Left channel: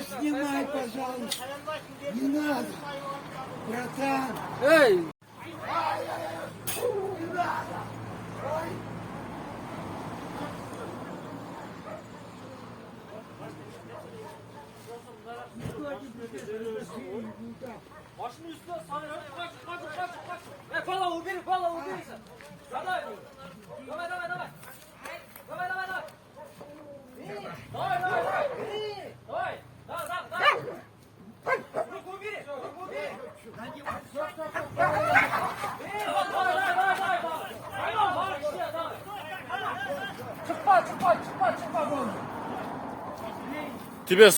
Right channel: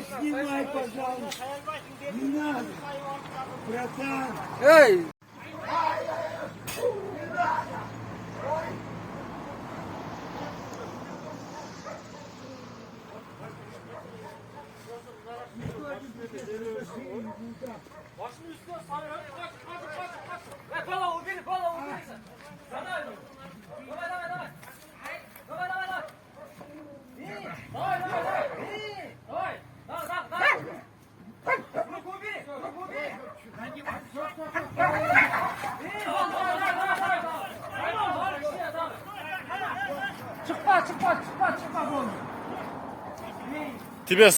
снимай, пожалуйста. Не надо, братан. Эй! Başını üstüne sarıyor. Kaç. Pala ubiri. Давай. Давай. Руку убери. Çıkma. Тебе